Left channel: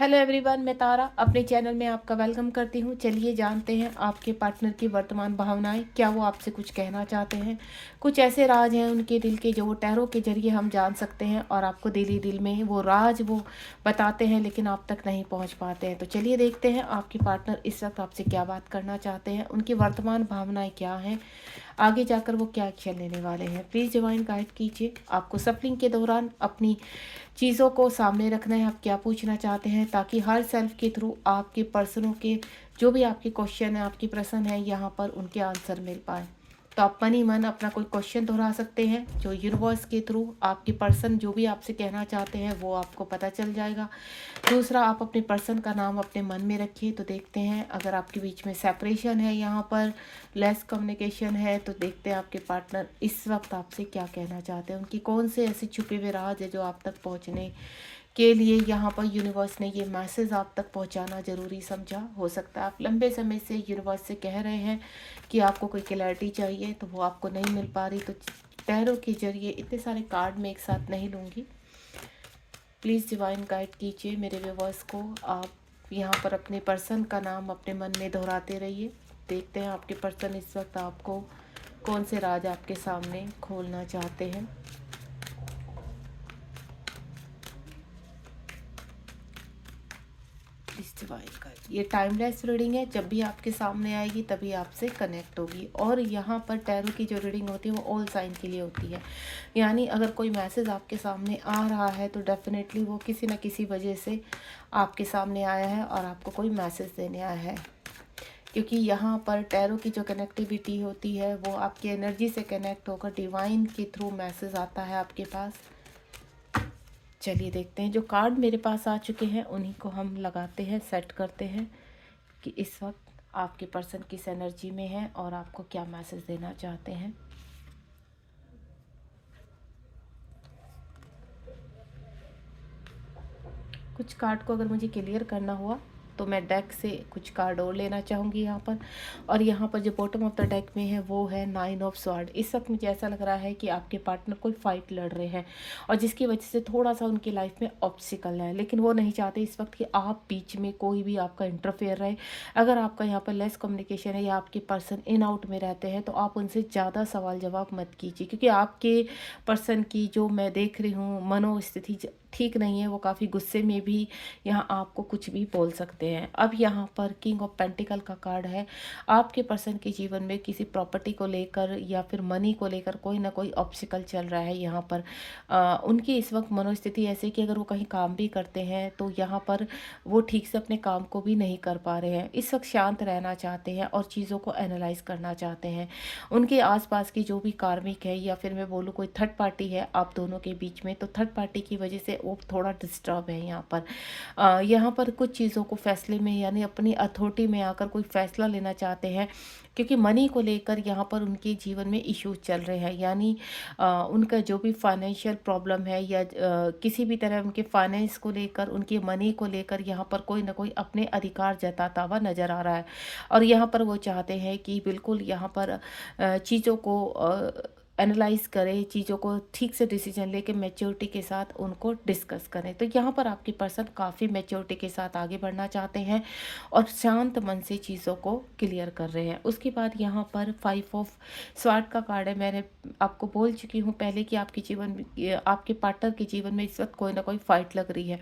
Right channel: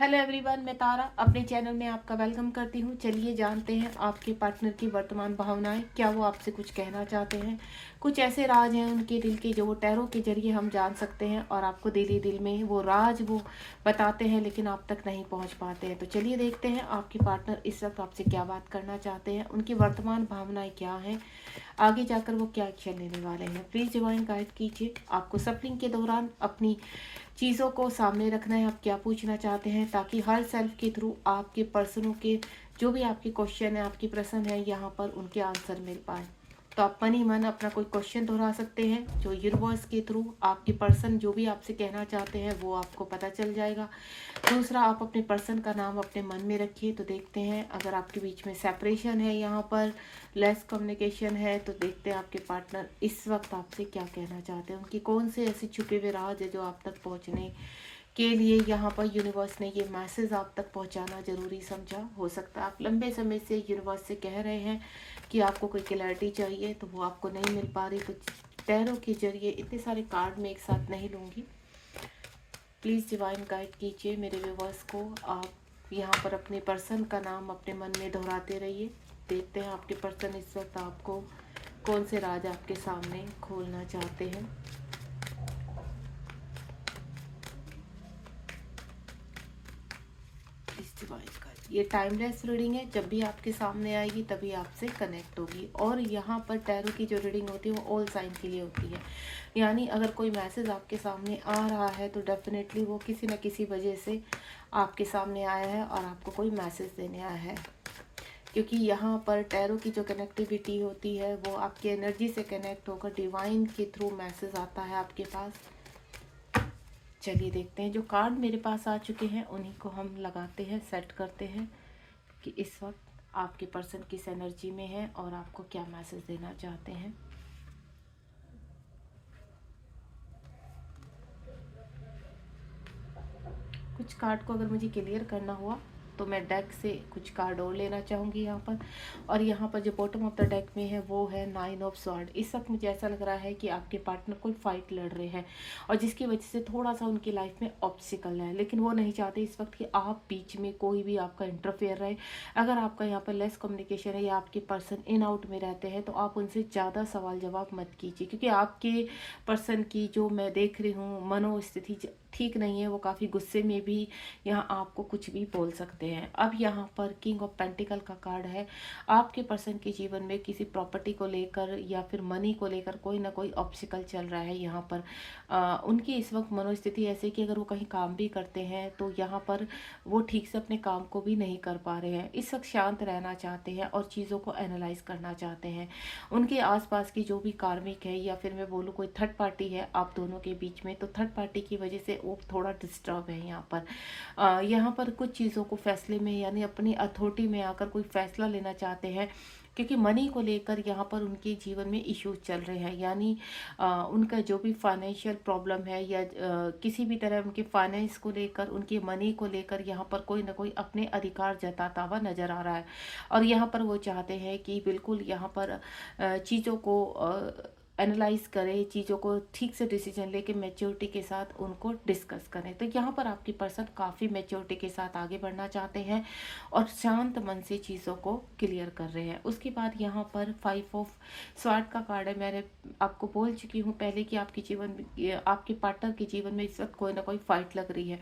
Hello everyone, मैं तारा अपने channel में आपका वेलकम करती हूँ। चलिए जानते हैं आपके पार्टनर की वर्तमान भावनाएं, क्या वो आपसे कुछ कहना चाहते हैं। कुछ ऐसे राज हैं उनके दिल के जो वो टैरो के जरिए हम जान सकते हैं और आपको दिल ही दिल में वो राज वो बताते हैं, लेकिन आप तक नहीं पहुँच पाते हैं। तो चलिए देखते हैं आपके पार्टनर इस वक्त आपसे क्या बात करना चाहते हैं, उनकी वर्तमान भावनाएँ क्या हैं, आगे जाकर वो क्या एक्शन लेने वाले हैं। प्लीज़ डिवाइन गाइड कीजिए। आपको सफलिंग के दौरान अपनी चीज़ों को सामने रखना है, आप क्या पूछना चाहते हैं, ताकि हर सेल्फ के थ्रू आपके पर्सनों के जो भी आपके क्वेश्चन है, आपकी प्रश्न है, यहाँ पर उनके आंसर मिल पाए। तो आप मन ही मन अपना कोई क्वेश्चन दोहरा सकते हैं, जो यूनिवर्स के थ्रू आपके पर्सन जो भी आपसे कहना चाहते हैं वो आपको पता चल जाएगा। दूसरा, आप अपने पर्सन का नाम अपने मन में रखिए। तो देखते हैं अगर आपके बीच में सेपरेशन है, यहाँ पर लेस कम्युनिकेशन है, तो देखते हैं आपके पार्टनर इस वक्त आपसे क्या कहना चाहते हैं। उनकी कौन से ऐसे छुपे हुए राज है जो आप तक पहुँचने के लिए यहाँ पर यूनिवर्स ने ये मैसेज आप तक पहुँचाना ज़रूरी समझा। हो सकता है आप लंबे समय से यूनिवर्स से कह रहे हैं कि आपको कोई क्लैरिटी चाहिए, तो वो आपको नहीं मिल पा रही। तो टैरो के जरिए इतने सारे कार्ड में एक साथ नहीं लूँगी। प्लीज़ डिवाइन गाइड कीजिए मेरे व्यूवर्स को। आप यहाँ पर अपने पर्सन का नाम अपने मन में दोहराते रहिए। देखते हैं आपके पर्सन इस वक्त आपको कौन से राज आपके सामने खोलना चाहते हैं। Please divine guide. ये टाइमलेस रीडिंग है, जब भी आपके सामने आएगी तभी आपसे कनेक्ट होगी। और यहाँ पर टैरो की जो रीडिंग होती है वो ऑल साइन के लिए होती है, यानी अगर कोई मैसेज आपके सामने आ रहा है तो डेफिनेटली वो किसी न किसी वजह से आपके सामने आया है और आपको कोई मैसेज देने आया है। क्योंकि यहाँ पर टैरो की जो कनेक्टिविटी होती है वो आपकी एनर्जी से कनेक्ट होकर डिवाइन के थ्रू मैसेज आता है आपके पास। चलिए देखते हैं, जो कार्ड मेरे पास आ चुके हैं उन्हीं को हम लगाते हैं, सेट करते हैं कि इस वक्त आपके पर्सन किस एनर्जी में है और आपको क्या मैसेज देना चाहते हैं। कुछ कार्ड को अगर मुझे क्लियर करना हुआ तो मैं डेक से कुछ कार्ड और लेना चाहूँगी यहाँ पर। और यहाँ पर जो बॉटम ऑफ द डेक में है वो है 9 ऑफ स्वॉर्ड। इस वक्त मुझे ऐसा लग रहा है कि आपके पार्टनर कोई फाइट लड़ रहे हैं और जिसकी वजह से थोड़ा सा उनकी लाइफ में ऑब्स्टिकल है, लेकिन वो नहीं चाहते इस वक्त कि आप बीच में कोई भी आपका इंटरफेयर रहे। अगर आपका यहाँ पर लेस कम्युनिकेशन है या आपके पर्सन इन आउट में रहते हैं तो आप उनसे ज़्यादा सवाल जवाब मत कीजिए, क्योंकि आपके पर्सन की जो मैं देख रही हूँ मनोस्थिति ठीक नहीं है। वो काफ़ी गुस्से में भी यहाँ आपको कुछ भी बोल सकते हैं। अब यहाँ पर किंग ऑफ पेंटिकल का कार्ड है। आपके पर्सन के जीवन में किसी प्रॉपर्टी को लेकर या फिर मनी को लेकर कोई ना कोई ऑब्स्टिकल चल रहा है। यहाँ पर उनकी इस वक्त मनोस्थिति ऐसे कि अगर वो कहीं काम भी करते हैं तो यहाँ पर वो ठीक से अपने काम को भी नहीं कर पा रहे हैं। इस वक्त शांत रहना चाहते हैं और चीज़ों को एनालाइज करना चाहते हैं। उनके आसपास की जो भी कार्मिक है या फिर मैं बोलूँ कोई थर्ड पार्टी है आप दोनों के बीच में, तो थर्ड पार्टी की वजह से वो थोड़ा डिस्टर्ब है। यहाँ पर कुछ चीज़ों को फैसले में यानी अपनी अथॉरिटी में आकर कोई फैसला लेना चाहते हैं, क्योंकि मनी को लेकर यहाँ पर उनके जीवन में इश्यूज चल रहे हैं। यानी उनका जो भी फाइनेंशियल प्रॉब्लम है या किसी भी तरह उनके फाइनेंस को लेकर उनके मनी को लेकर यहाँ पर कोई ना कोई अपने अधिकार जताता हुआ नज़र आ रहा है। और यहाँ पर वो चाहते हैं कि बिल्कुल यहाँ पर चीज़ों को एनालाइज करें, चीज़ों को ठीक से डिसीजन लेके मैच्योरिटी के साथ उनको डिस्कस करें। तो यहाँ पर आपकी पर्सन काफ़ी मैच्योरिटी के साथ आगे बढ़ना चाहते हैं और शांत मन से चीज़ों को क्लियर कर रहे हैं। उसके बाद यहाँ पर 5 ऑफ स्वॉर्ड का कार्ड है। मैंने आपको बोल चुकी हूँ पहले कि आपके पार्टनर के जीवन में इस वक्त कोई ना कोई फाइट लग रही है।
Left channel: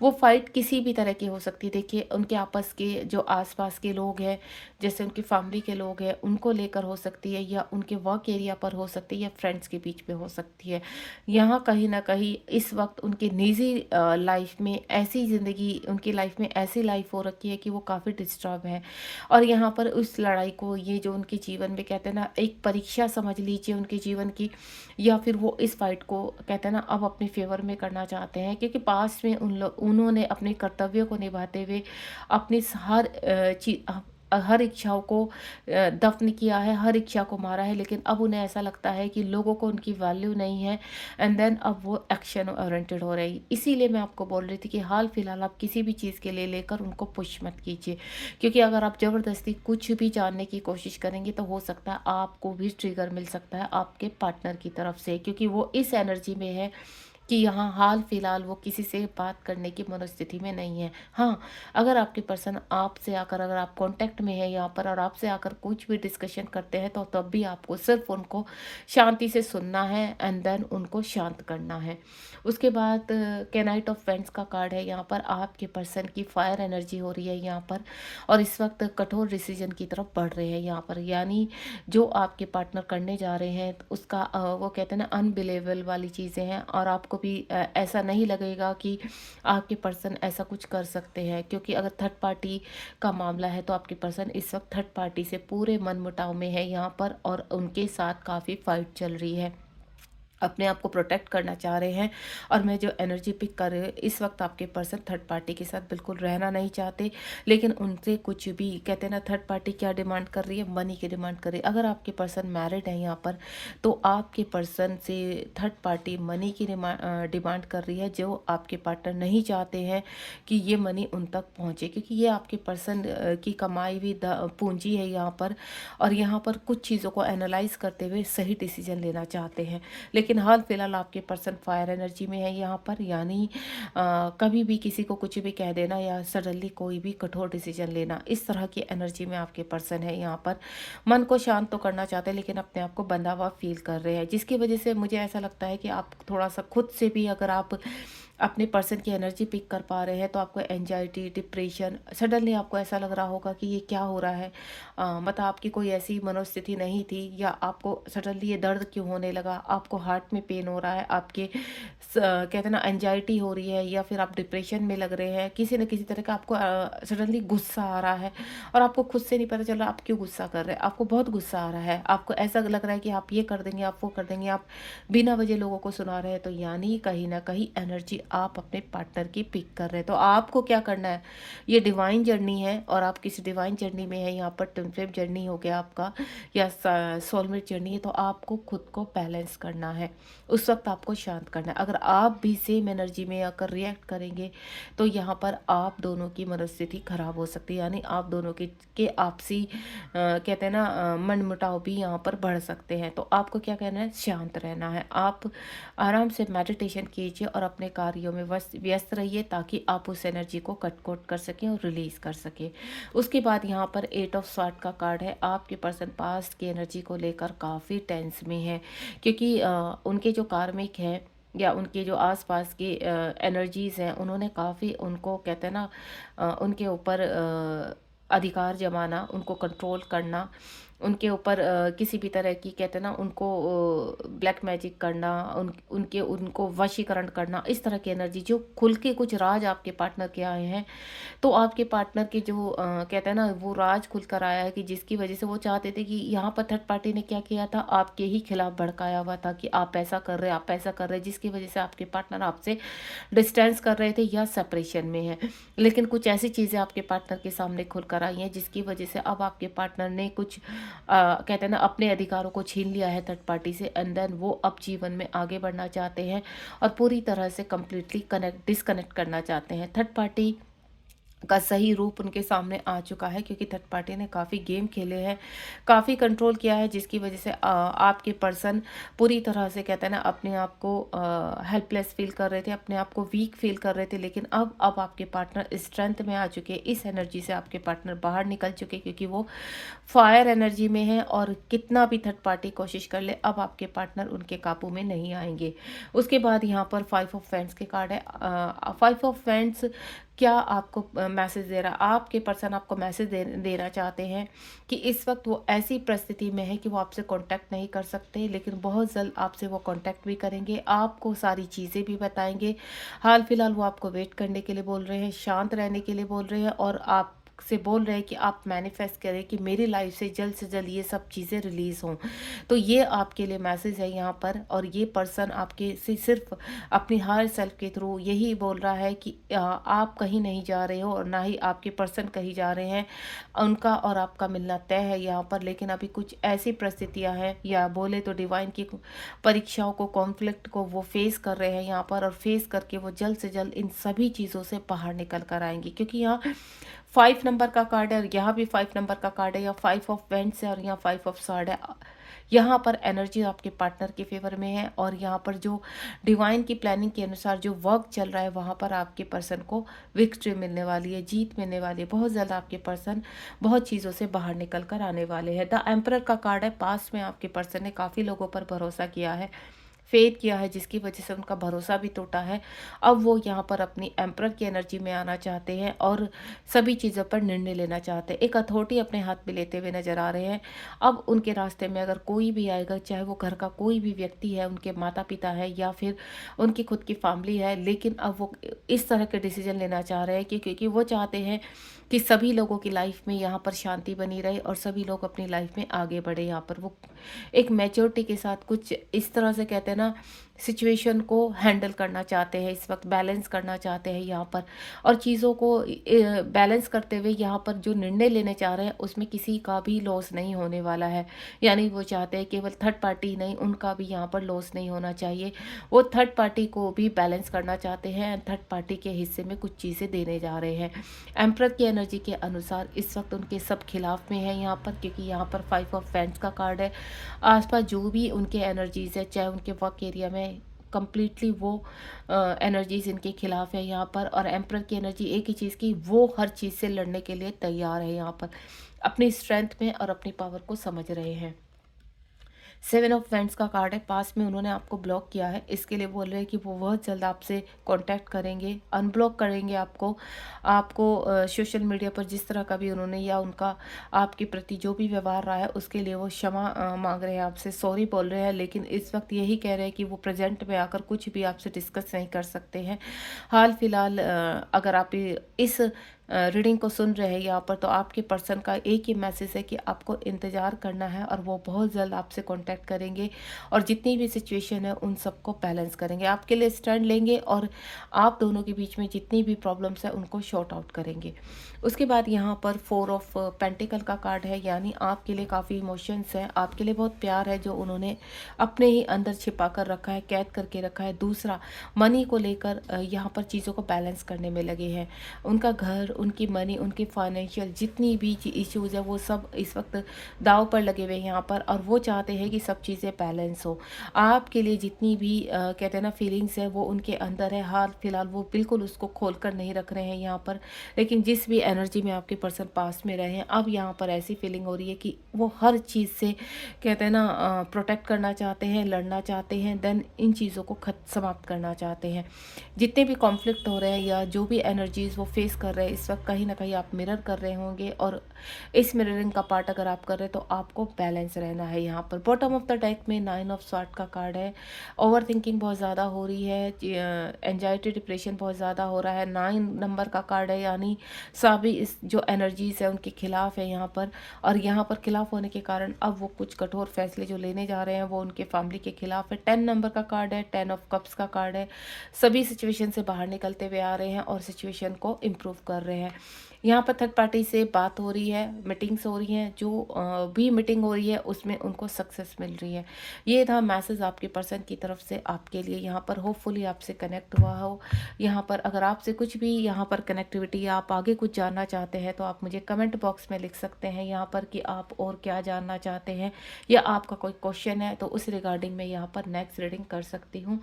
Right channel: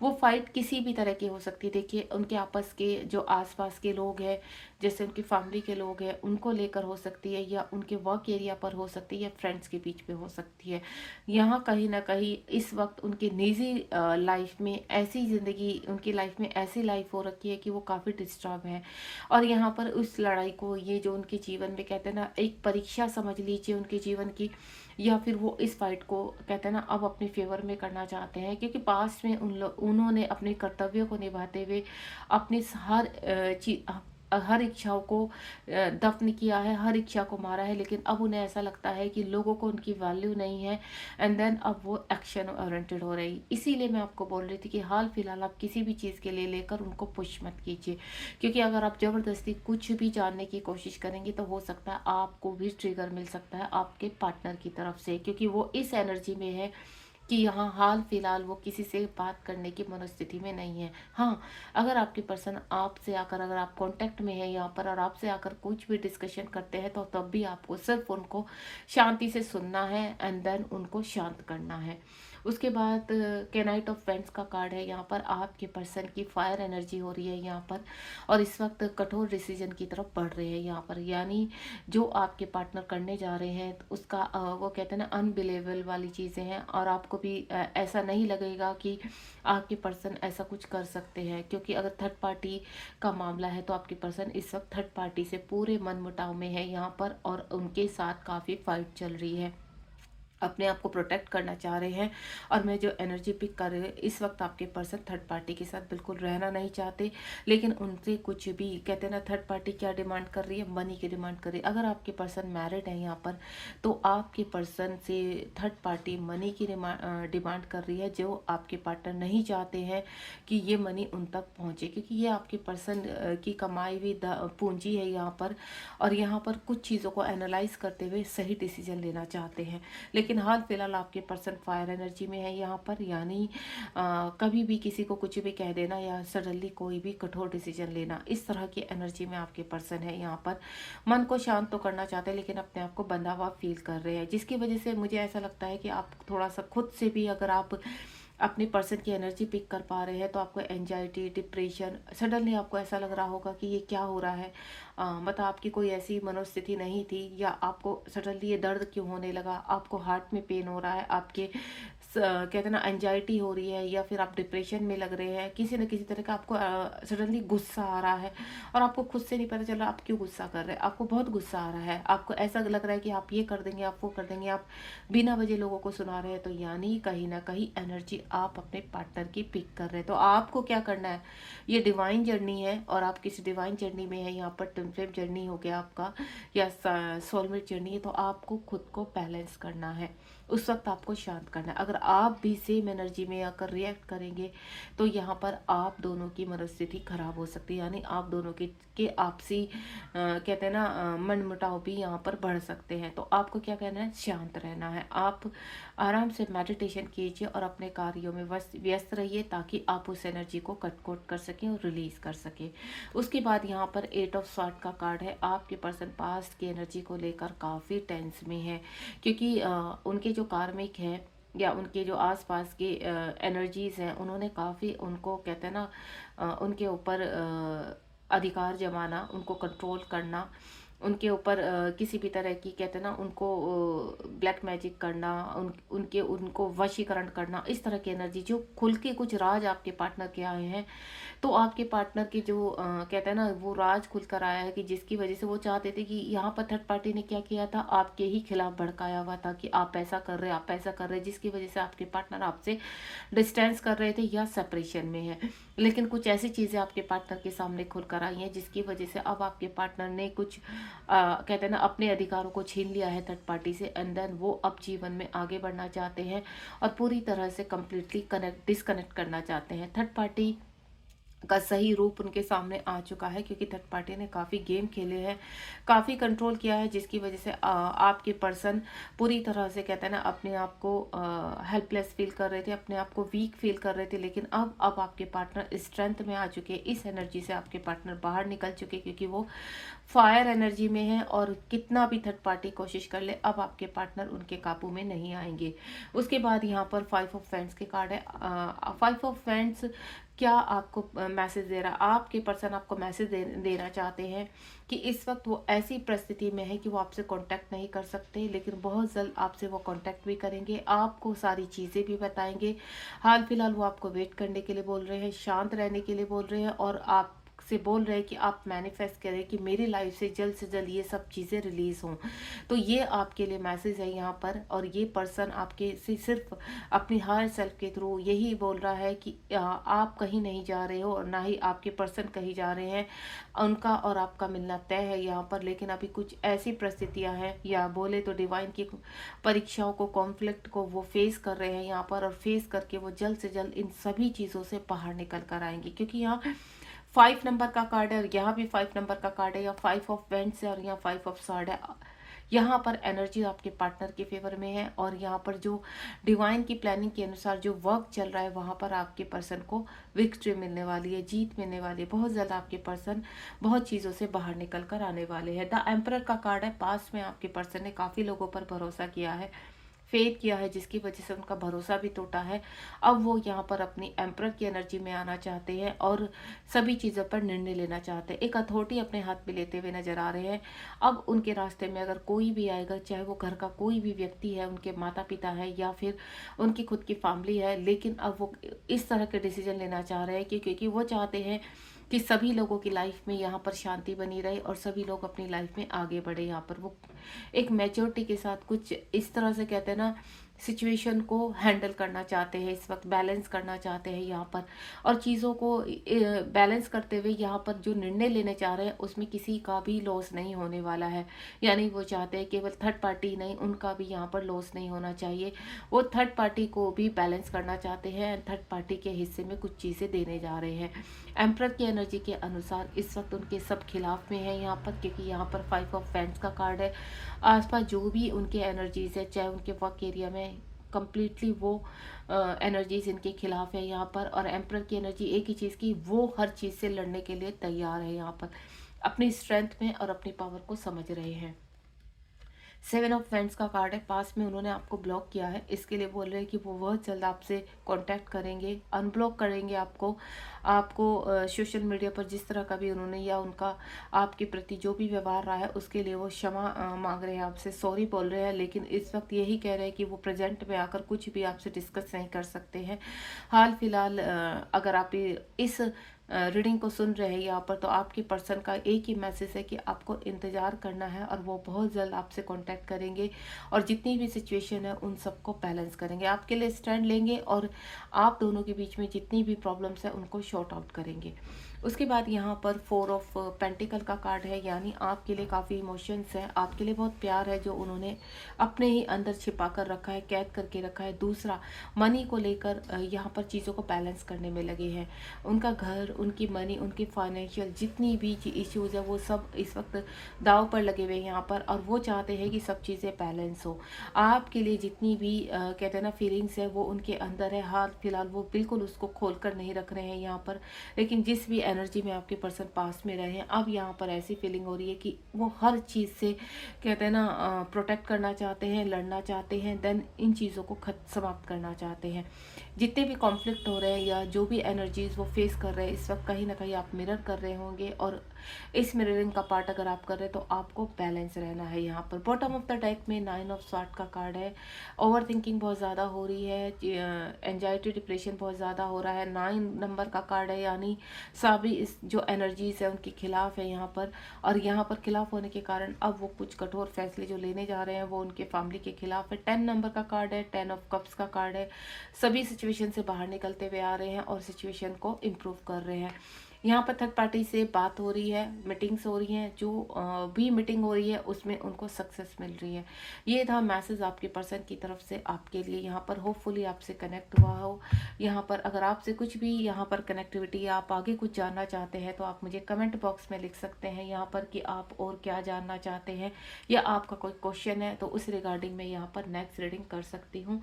वो फाइट किसी भी तरह की हो सकती है। देखिए, उनके आपस के जो आसपास के लोग हैं, जैसे उनकी फैमिली के लोग हैं, उनको लेकर हो सकती है या उनके वर्क एरिया पर हो सकती है या फ्रेंड्स के बीच में हो सकती है। यहाँ कहीं ना कहीं इस वक्त उनकी निजी लाइफ में ऐसी ज़िंदगी, उनकी लाइफ में ऐसी लाइफ हो रखी है कि वो काफ़ी डिस्टर्ब है। और यहाँ पर उस लड़ाई को, ये जो उनके जीवन में कहते हैं ना एक परीक्षा समझ लीजिए उनके जीवन की, या फिर वो इस फाइट को कहते हैं ना अब अपने फेवर में करना चाहते हैं, क्योंकि पास्ट में उन्होंने अपने कर्तव्यों को निभाते हुए अपनी हर इच्छाओं को दफन किया है, हर इच्छा को मारा है। लेकिन अब उन्हें ऐसा लगता है कि लोगों को उनकी वैल्यू नहीं है, एंड देन अब वो एक्शन ओरिएंटेड हो रही। इसीलिए मैं आपको बोल रही थी कि हाल फिलहाल आप किसी भी चीज़ के लिए लेकर उनको पुश मत कीजिए, क्योंकि अगर आप ज़बरदस्ती कुछ भी जानने की कोशिश करेंगे तो हो सकता है आपको भी ट्रिगर मिल सकता है आपके पार्टनर की तरफ से, क्योंकि वो इस एनर्जी में है कि यहाँ हाल फिलहाल वो किसी से बात करने की मनोस्थिति में नहीं है। हाँ, अगर आपके पर्सन आपसे आकर, अगर आप कॉन्टैक्ट में है यहाँ पर और आपसे आकर कुछ भी डिस्कशन करते हैं, तो तब भी आपको सिर्फ़ उनको शांति से सुनना है एंड देन उनको शांत करना है। उसके बाद नाइट ऑफ पेंट्स का कार्ड है, यहाँ पर आपके पर्सन की फायर एनर्जी हो रही है यहाँ पर, और इस वक़्त कठोर डिसीज़न की तरफ बढ़ रहे हैं यहाँ पर। यानी जो आपके पार्टनर करने जा रहे हैं उसका वो कहते हैं ना अनबिलीवेबल वाली चीज़ें हैं, और आपको भी ऐसा नहीं लगेगा कि आपके पर्सन ऐसा कुछ कर सकते हैं, क्योंकि अगर थर्ड पार्टी का मामला है तो आपके पर्सन इस वक्त थर्ड पार्टी से पूरे मनमुटाव में है यहाँ पर, और उनके साथ काफ़ी फाइट चल रही है, अपने आप को प्रोटेक्ट करना चाह रहे हैं। और मैं जो एनर्जी पिक कर रही हूँ इस वक्त, आपके पर्सन थर्ड पार्टी के साथ बिल्कुल रहना नहीं चाहते, लेकिन उनसे कुछ भी कहते हैं ना, थर्ड पार्टी क्या डिमांड कर रही है, मनी की डिमांड कर रही है। अगर आपके पर्सन मैरिड है यहाँ पर, तो आपके पर्सन से थर्ड पार्टी मनी की डिमांड कर रही है, जो आपके पार्टनर नहीं चाहते हैं कि ये मनी उन तक पहुँचे, क्योंकि ये आपके पर्सन की कमाई हुई पूंजी है यहाँ पर, और यहाँ पर कुछ चीज़ों को एनालाइज करते हुए सही डिसीजन लेना चाहते हैं। लेकिन हाल फिलहाल आपके पर्सन फायर एनर्जी में है यहाँ पर, यानी कभी भी किसी को कुछ भी कह देना या सडनली कोई भी कठोर डिसीजन लेना, इस तरह की एनर्जी में आपके पर्सन है यहाँ पर। मन को शांत तो करना चाहते हैं, लेकिन अपने आप को बंधा हुआ फील कर रहे हैं, जिसकी वजह से मुझे ऐसा लगता है कि आप थोड़ा सा खुद से भी, अगर आप अपने पर्सन की एनर्जी पिक कर पा रहे हैं, तो आपको एंजाइटी, डिप्रेशन, सडनली आपको ऐसा लग रहा होगा कि ये क्या हो रहा है, मतलब आपकी कोई ऐसी मनोस्थिति नहीं थी, या आपको सडनली ये दर्द क्यों होने लगा, आपको हार्ट में पेन हो रहा है, आपके कहते हैं ना एंजाइटी हो रही है, या फिर आप डिप्रेशन में लग रहे हैं, किसी न किसी तरह का आपको सडनली गुस्सा आ रहा है, और आपको खुद से नहीं पता चल रहा आप क्यों गुस्सा कर रहे हैं, आपको बहुत गुस्सा आ रहा है, आपको ऐसा लग रहा है कि आप ये कर देंगे, आप वो कर देंगे, आप बिना वजह लोगों को सुना रहे हैं, तो यानी कहीं ना कहीं एनर्जी आप अपने पार्टनर की पिक कर रहे हैं। तो आपको क्या करना है, ये डिवाइन जर्नी है, और आप किसी डिवाइन जर्नी में है, यहाँ पर ट्विन फ्लेम जर्नी हो गया आपका, या सोलमेट जर्नी है, तो आपको खुद को बैलेंस करना है, उस वक्त आपको शांत करना है। अगर आप भी सेम एनर्जी में आकर रिएक्ट करेंगे, तो यहाँ पर आप दोनों की मनोस्थिति खराब हो सकती है, यानी आप दोनों के आपसी कहते हैं ना मनमुटाव भी यहाँ पर बढ़ सकते हैं। तो आपको क्या कहना है, शांत रहना है, आप आराम से मेडिटेशन कीजिए और अपने कार्यों में व्यस्त रहिए, ताकि आप उस एनर्जी को कट कोट कर सकें और रिलीज कर सकें। उसके बाद यहाँ पर 8 ऑफ स्वॉर्ड का कार्ड है, आपके पर्सन पास्ट की एनर्जी को लेकर काफ़ी टेंस में है, क्योंकि उनके जो कार्मिक हैं, या उनके जो आसपास की एनर्जीज हैं, उन्होंने काफ़ी उनको कहते हैं ना उनके ऊपर अधिकार जमाना, उनको कंट्रोल करना, उनके ऊपर किसी भी तरह की कहते हैं ना उनको ब्लैक मैजिक करना, उनके उनको वशीकरण करना, इस तरह की एनर्जी, जो खुल के कुछ राज आपके पार्टनर के आए हैं, तो आपके पार्टनर की जो कहते हैं ना वो राज खुल कर आया है, कि जिसकी वजह से वो चाहते थे कि यहाँ पर थर्ड पार्टी ने क्या किया था, आपके ही खिलाफ भड़काया हुआ था कि आप ऐसा कर रहे, आप ऐसा कर रहे, जिसकी वजह से आपके पार्टनर आपसे डिस्टेंस कर रहे थे या सेपरेशन में है। लेकिन कुछ ऐसी चीज़ें आपके पार्टनर के सामने खुल कर आई हैं, जिसकी वजह से अब आपके पार्टनर ने कुछ कहते हैं ना अपने अधिकारों को छीन लिया है थर्ड पार्टी से, एंड देन वो अब जीवन में आगे बढ़ना चाहते हैं, और पूरी तरह से कम्प्लीटली डिस्कनेक्ट करना चाहते हैं। थर्ड पार्टी का सही रूप उनके सामने आ चुका है, क्योंकि थर्ड पार्टी ने काफ़ी गेम खेले हैं, काफ़ी कंट्रोल किया है, जिसकी वजह से आपके पर्सन पूरी तरह से कहते हैं ना अपने आप को हेल्पलेस फील कर रहे थे, अपने आप को वीक फील कर रहे थे, लेकिन अब आपके पार्टनर स्ट्रेंथ में आ चुके हैं, इस एनर्जी से आपके पार्टनर बाहर निकल चुके, क्योंकि वो फायर एनर्जी में है, और कितना भी थर्ड पार्टी कोशिश कर ले, अब आपके पार्टनर उनके काबू में नहीं आएंगे। उसके बाद यहाँ पर 5 ऑफ फ्रेंड्स के कार्ड है। 5 ऑफ फ्रेंड्स क्या आपको मैसेज दे रहा, आपके पर्सन आपको मैसेज देना चाहते हैं कि इस वक्त वो ऐसी परिस्थिति में है कि वो आपसे कांटेक्ट नहीं कर सकते, लेकिन बहुत जल्द आपसे वो कांटेक्ट भी करेंगे, आपको सारी चीज़ें भी बताएंगे। हाल फिलहाल वो आपको वेट करने के लिए बोल रहे हैं, शांत रहने के लिए बोल रहे हैं, और आप से बोल रहे हैं कि आप मैनिफेस्ट करें कि मेरी लाइफ से जल्द ये सब चीज़ें रिलीज़ हों। तो ये आपके लिए मैसेज है यहाँ पर, और ये पर्सन आपके से सिर्फ अपनी हायर सेल्फ के थ्रू यही बोल रहा है कि आप कहीं नहीं जा रहे हो, और ना ही आपके पर्सन कहीं जा रहे हैं, उनका और आपका मिलना तय है यहाँ पर। लेकिन अभी कुछ ऐसी परिस्थितियाँ हैं, या बोले तो डिवाइन की परीक्षाओं को, कॉन्फ्लिक्ट को वो फेस कर रहे हैं यहाँ पर, और फेस करके वो जल्द से जल्द इन सभी चीज़ों से बाहर निकल कर आएंगी, क्योंकि यहाँ 5 नंबर का कार्ड है, और यहाँ भी 5 नंबर का कार्ड है, या 5 ऑफ वेंट्स है, और यहाँ 5 ऑफ सॉर्ड है। यहाँ पर एनर्जी आपके पार्टनर के फेवर में है, और यहाँ पर जो डिवाइन की प्लानिंग के अनुसार जो वर्क चल रहा है वहाँ पर आपके पर्सन को विक्ट्री मिलने वाली है, जीत मिलने वाली है। बहुत ज़्यादा आपके पर्सन बहुत चीज़ों से बाहर निकल कर आने वाले हैं। द एम्परर का कार्ड है, पास में आपके पर्सन ने काफ़ी लोगों पर भरोसा किया है, फेथ किया है, जिसकी वजह से उनका भरोसा भी टूटा है। अब वो यहाँ पर अपनी एम्परर की एनर्जी में आना चाहते हैं और सभी चीज़ों पर निर्णय लेना चाहते हैं। एक अथॉरिटी अपने हाथ में लेते हुए नजर आ रहे हैं। अब उनके रास्ते में अगर कोई भी आएगा, चाहे वो घर का कोई भी व्यक्ति है, उनके माता पिता है या फिर उनकी खुद की फैमिली है, लेकिन अब वो इस तरह के डिसीजन लेना चाह रहे हैं कि क्योंकि वो चाहते हैं कि सभी लोगों की लाइफ में यहाँ पर शांति बनी रहे और सभी लोग अपनी लाइफ में आगे बढ़े। यहाँ पर वो एक मैच्योरिटी के साथ कुछ इस तरह से कहते हैं ना, सिचुएशन को हैंडल करना चाहते हैं, इस वक्त बैलेंस करना चाहते हैं यहाँ पर। और चीज़ों को बैलेंस करते हुए यहाँ पर जो निर्णय लेने चाह रहे हैं उसमें किसी का भी लॉस नहीं होने वाला है। यानी वो चाहते हैं केवल थर्ड पार्टी नहीं, उनका भी यहाँ पर लॉस नहीं होना चाहिए। वो थर्ड पार्टी को भी बैलेंस करना चाहते हैं एंड थर्ड पार्टी के हिस्से में कुछ चीज़ें देने जा रहे हैं। एम्परर की एनर्जी के अनुसार इस वक्त उनके सब खिलाफ में है यहाँ पर, क्योंकि यहाँ पर 5 ऑफ वैंड्स का कार्ड है। आसपास जो भी उनके एनर्जीज है, चाहे उनके वर्क एरिया में, कंप्लीटली वो एनर्जीज इनके खिलाफ है यहाँ पर। और एम्परर की एनर्जी एक ही चीज़ की, वो हर चीज़ से लड़ने के लिए तैयार है यहाँ पर, अपनी स्ट्रेंथ में और अपनी पावर को समझ रहे हैं। 7 ऑफ वैंड्स का कार्ड है, पास में उन्होंने आपको ब्लॉक किया है, इसके लिए बोल रहे हैं कि वो बहुत जल्द आपसे कांटेक्ट करेंगे, अनब्लॉक करेंगे आपको। सोशल मीडिया पर जिस तरह का भी उन्होंने या उनका आपके प्रति जो भी व्यवहार रहा है उसके लिए वो क्षमा मांग रहे हैं आपसे, सॉरी बोल रहे हैं। लेकिन इस वक्त यही कह रहे हैं कि वो प्रेजेंट में आकर कुछ भी आपसे डिस्कस नहीं कर सकते हैं। हाल फिलहाल अगर आप इस रीडिंग को सुन रहे हैं यहाँ पर, तो आपके पर्सन का एक ही मैसेज है कि आपको इंतज़ार करना है और वो बहुत जल्द आपसे कांटेक्ट करेंगे और जितनी भी सिचुएशन है उन सबको बैलेंस करेंगे, आपके लिए स्टैंड लेंगे और आप दोनों के बीच में जितनी भी प्रॉब्लम्स है उनको शॉर्ट आउट करेंगे। उसके बाद यहाँ पर 4 ऑफ पेंटिकल का कार्ड है, यानी आपके लिए काफ़ी इमोशंस है, आपके लिए बहुत प्यार है जो उन्होंने अपने ही अंदर छिपा कर रखा है, कैद करके रखा है। दूसरा, मनी को लेकर यहाँ पर चीज़ों को बैलेंस करने में लगे हैं। उनका घर, उनकी मनी, उनकी फाइनेंशियल जितनी भी इश्यूज़ है वो सब इस वक्त दाव पर लगे हुए हैं यहाँ पर, और वो चाहते हैं कि सब चीज़ें बैलेंस हो। आपके लिए जितनी भी कहते हैं ना फीलिंग्स है वो उनके अंदर है, हाल फिलहाल वो बिल्कुल उसको खोल कर नहीं रख रहे हैं यहाँ पर। लेकिन जिस भी एनर्जी में आपके पर्सन पास में रहे हैं, अब यहाँ पर ऐसी फीलिंग हो रही है कि वो हर चीज़ से कहते हैं ना प्रोटेक्ट करना चाहते हैं, लड़ना चाहते हैं, देन इन चीज़ों को समाप्त करना चाहते हैं। जितने भी कॉन्फ्लिक्ट हो रहे हैं या जो भी एनर्जीज वो फेस कर रहे हैं इस वक्त, कहीं ना कहीं आप मिरर कर रहे होंगे, और इस मिररिंग का पार्ट अगर आप कर रहे हैं तो आपको बैलेंस रहना है। यहाँ पर बॉटम ऑफ द डेक में 9 ऑफ स्वॉर्ड का कार्ड है। ओवर थिंकिंग बहुत ज़्यादा हो रही है, एंजाइटी डिप्रेशन बहुत ज़्यादा हो रहा है। 9 नंबर का कार्ड है, यानी सभी इस जो एनर्जीज है उनके खिलाफ है यहाँ पर, और यहाँ पर खिलाफ होने के कारण अब वो कुछ कठोर फैसले जो लेने जा रहे हैं वो उनके फैमिली के खिलाफ है। 10 नंबर का कार्ड है, 10 ऑफ कप्स का कार्ड है। सभी सिचुएशन से बाहर निकलते हुए आ रहे हैं और सिचुएशन को इम्प्रूव कर रहे हैं। यहाँ पर थर्ड पार्टी से बात हो रही है, मीटिंग्स हो रही हैं, जो भी मीटिंग हो रही है उसमें उनको सक्सेस मिल रही है। ये था मैसेज आपके पर्सन की तरफ से आपके लिए। यहाँ पर होपफुली आपसे कनेक्ट हुआ हो। यहाँ पर अगर आपसे कुछ भी यहाँ पर कनेक्टिविटी या आप आगे कुछ जानना चाहते हैं तो आप मुझे कमेंट बॉक्स में लिख सकते हैं यहाँ पर कि आप और क्या जानना चाहते हैं, या आपका कोई क्वेश्चन है तो उस रिगार्डिंग मैं यहाँ पर नेक्स्ट रीडिंग कर सकती हूँ।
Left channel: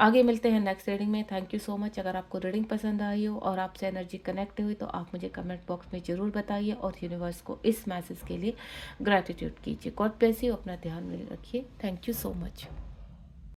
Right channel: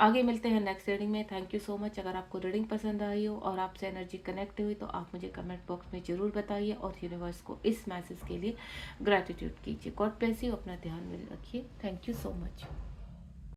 आगे मिलते हैं नेक्स्ट रीडिंग में। Thank you so much. अगर आपको रीडिंग पसंद आई हो और आपसे एनर्जी कनेक्ट हुई तो आप मुझे कमेंट बॉक्स में ज़रूर बताइए और यूनिवर्स को इस मैसेज के लिए ग्रैटिट्यूड कीजिए। God bless you. अपना ध्यान में रखिए। Thank you so much.